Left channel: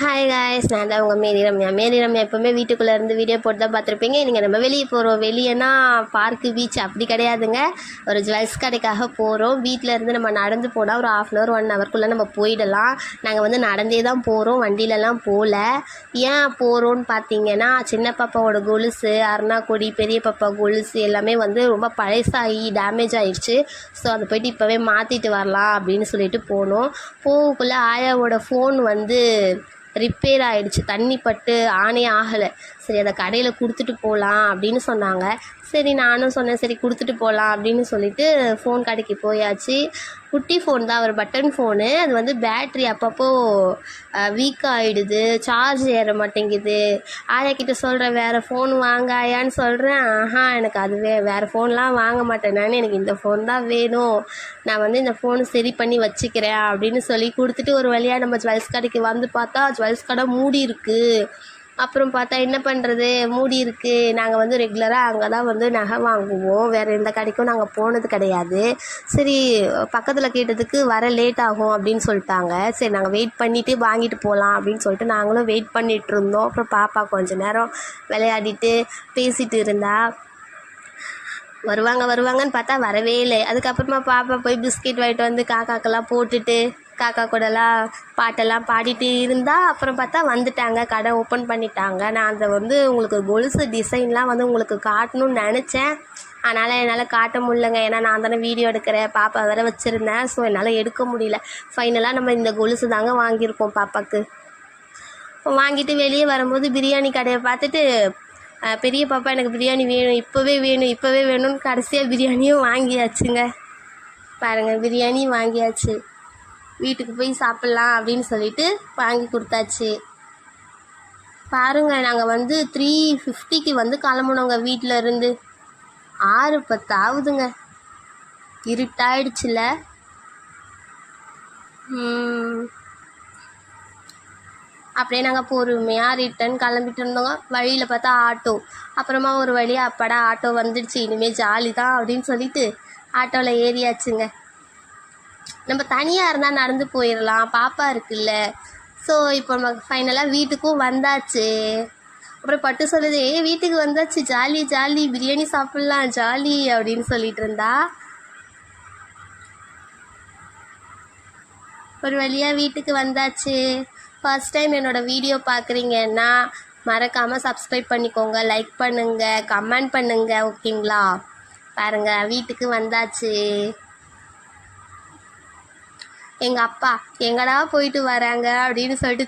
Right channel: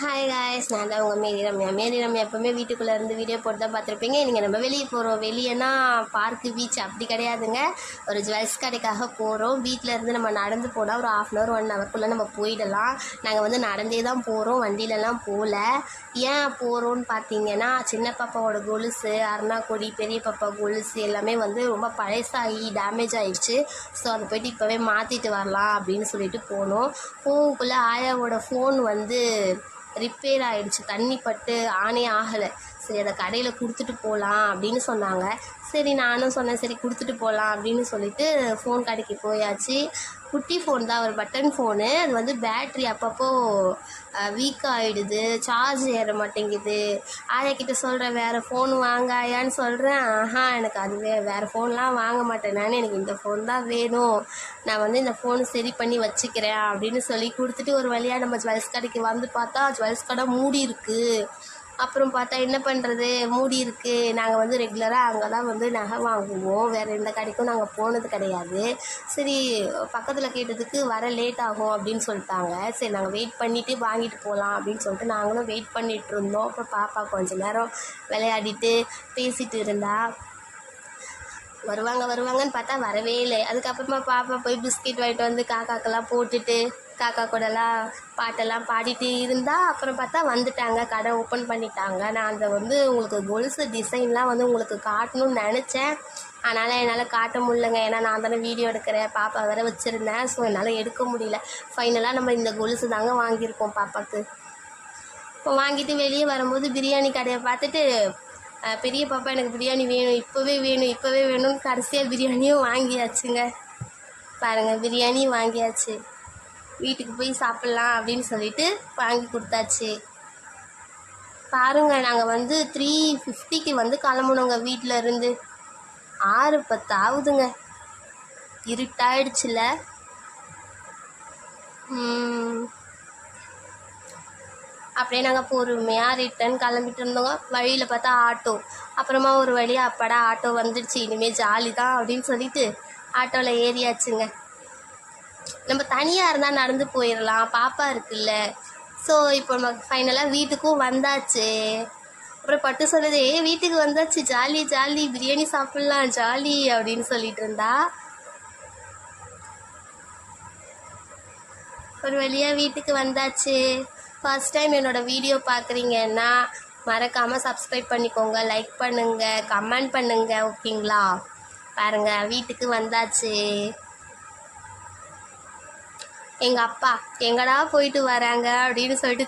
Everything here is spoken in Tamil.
ஹாய் காய்ஸ், நான் தான் உங்கள் மேரி ரம்யா எப்போவுமே வீட்டுக்குள்ளே இருந்து வீடியோ போட்டு தான் பார்த்துருப்பீங்க. நீங்கள் நம்ம வெளியே போகிறோம். வெளியேனா பார்க்கு, பீச் அப்படி கிடையாதுங்க. ஒரு ஜுவல்ஸ் கடைக்காக போகிறோம். வீட்டில் இருந்து நம்ம நடந்து போனால் ஒரு 1/2 1 ஹவர்க்குள்ளே நம்ம போயிடலாம். நாங்கள் வந்து நடந்தே தான் போகிறோம், வண்டியிலலாம் போகல. ஏன் போகிறோன்னு பார்த்தீங்கன்னா, சின்ன பாப்பாவோட கொலுசு, அருணாக்கொடி, பெரிய பாப்பா கொலுசு எல்லாமே வந்து ரொம்ப பழசாகி டேமேஜ் ஆகிடுச்சு. ஸோ அதை போய்ட்டு இப்போவே மாற்றிட்டு வரலாம் அப்படின்னு சொல்லிட்டு போனோம். போகக்குள்ளே ஆயாவோட ஃபோன் வந்து ரிப்பேர் ஆகிடுச்சு, தண்ணி பட்டு ஆனே ஆகலை. சரி, அதை கடையில் கொடுத்துட்டு போகலாம் அப்படின்னு சொன்னாங்க. சரி, நானும் சொன்னேன் சரி கொடுத்துட்டு போகலாம் அப்படின்னு சொல்லிட்டு ஃபோன் கடைக்கு போயாச்சு. குட்டி ஃபோன் தான், ஒரு பட்டன் ஃபோனு. அது வந்து பேட்ரி அப்பப்போ வீக் ஆகிடுது, சார்ஜ் ஏற மாட்டேங்குது. ஆயா கிட்ட சொல்கிறேன் வேறு ஃபோன் வாங்க ஆயான்னு சொல்கிறேன். எனக்கு அது வேறு ஃபோன்லாம் வாங்க மாட்டேன், எனக்கு இந்த ஃபோன் தான் வேணும், நான் வந்து இந்த ஃபோன் சரி பண்ணி வச்சுக்கிறேன் அப்படின்னு சொல்லி கொடுத்துட்டு ஒரு வழியாக நம்ம ஜுவல்ஸ் கடைக்கு வந்து பார்த்தா ஜுவல்ஸ் கடை மூடி இருக்குது. அப்புறம் பார்த்தா என்ன பண்ணுறது, மூடி இருக்குது. நாங்கள் வந்து ரெகுலராக அங்கே தான் வந்து நகை வாங்குவோம், வேறு எந்த கடைக்கும் நாங்கள் போனது கிடையாது. சரி, பக்கத்தில் கேட்டதுக்கு வர லேட் ஆகும் அப்படின்னு சொல்லிட்டாங்க. சரி, நாங்கள் வெயிட் பண்ணிவிட்டு வாங்கிட்டு போகலாம் அப்படின்னு சொல்லிட்டு நாங்களும் வெயிட் பண்ணிகிட்டு இருந்தோம். அப்புறம் பாப்பா கொஞ்சம் நேரம் விளையாடிட்டு பேசிகிட்டு இருந்தா. வருவாங்கன்னு பார்த்தா வரவே இல்லை. அதுக்கப்புறமா பாப்பா போய் பிஸ்கெட் வாங்கிட்டு வந்து காக்காக்கெல்லாம் போட்டுட்டு காக்கா கூடலாம் பாட்டெல்லாம் பாடிட்டு இருந்தால் அப்புறம் பார்த்தா வந்துட்டாங்க, கடை ஓப்பன் பண்ணிட்டாங்க. நான் அந்த வந்து உங்களுக்கு கொலுசு டிசைன்லாம் வந்து உங்களுக்கு காட்டணும்னு நினச்சேன். அதனால் என்னால் காட்ட முடியலங்க, ஏன்னா நான் தானே வீடியோ எடுக்கிறேன், பாப்பா வேறு வச்சுருந்தேன். ஸோ என்னால் எடுக்க முடியல. ஃபைனலாக நம்ம இந்த கொலுசு தாங்க வாங்கியிருக்கோம் பாப்பாவுக்கு. வாங்கிட்டு வெளியே வரும்போது பிரியாணி கடையை பார்த்துட்டு பெரிய பாப்பா எனக்கு பிரியாணி வேணும், இப்போவே வேணும்னு கடைசியாக பிரியாணியும் வாங்கியாச்சுங்க. பாருங்கள், பிரியாணியும் வாங்கியாச்சு. வீட்டுக்கு போய் சாப்பிட்லாம் அப்படின்னு சொல்லிட்டு வாங்கி கொடுத்தாச்சு. பாருங்கள், நாங்கள் வந்து 3:50க்கு வந்து கிளம்புனோங்க வீட்டில் இருந்து. 6:10 ஆகுதுங்க, இருட்டாயிடுச்சுல. அப்படியே நாங்கள் பொறுமையாக ரிட்டன் கிளம்பிட்டு இருந்தோங்க. வழியில் பார்த்தா ஆட்டோ. அப்புறமா ஒரு வழியாக அப்பாடா ஆட்டோ வந்துடுச்சு, இனிமேல் ஜாலி தான் அப்படின்னு சொல்லிட்டு ஆட்டோவில் ஏறியாச்சுங்க. நம்ம தனியாக இருந்தால் நடந்து போயிடலாம், பாப்பா இருக்குல்ல. ஸோ இப்போ நம்ம ஃபைனலாக வீட்டுக்கும் வந்தாச்சு. அப்புறம் பட்டு சொல்லுது, வீட்டுக்கு வந்தாச்சு, ஜாலி ஜாலி, பிரியாணி சாப்பிட்லாம் ஜாலி அப்படின்னு சொல்லிட்டு இருந்தா. ஒரு வழியாக வீட்டுக்கு வந்தாச்சு. ஃபர்ஸ்ட் டைம் என்னோடய வீடியோ பார்க்குறீங்கன்னா மறக்காமல் சப்ஸ்கிரைப் பண்ணிக்கோங்க, லைக் பண்ணுங்கள், கமெண்ட் பண்ணுங்கள், ஓகேங்களா? பாருங்கள், வீட்டுக்கு வந்தாச்சு. எங்கள் அப்பா எங்கடா போயிட்டு வராங்க அப்படின்னு சொல்லிட்டு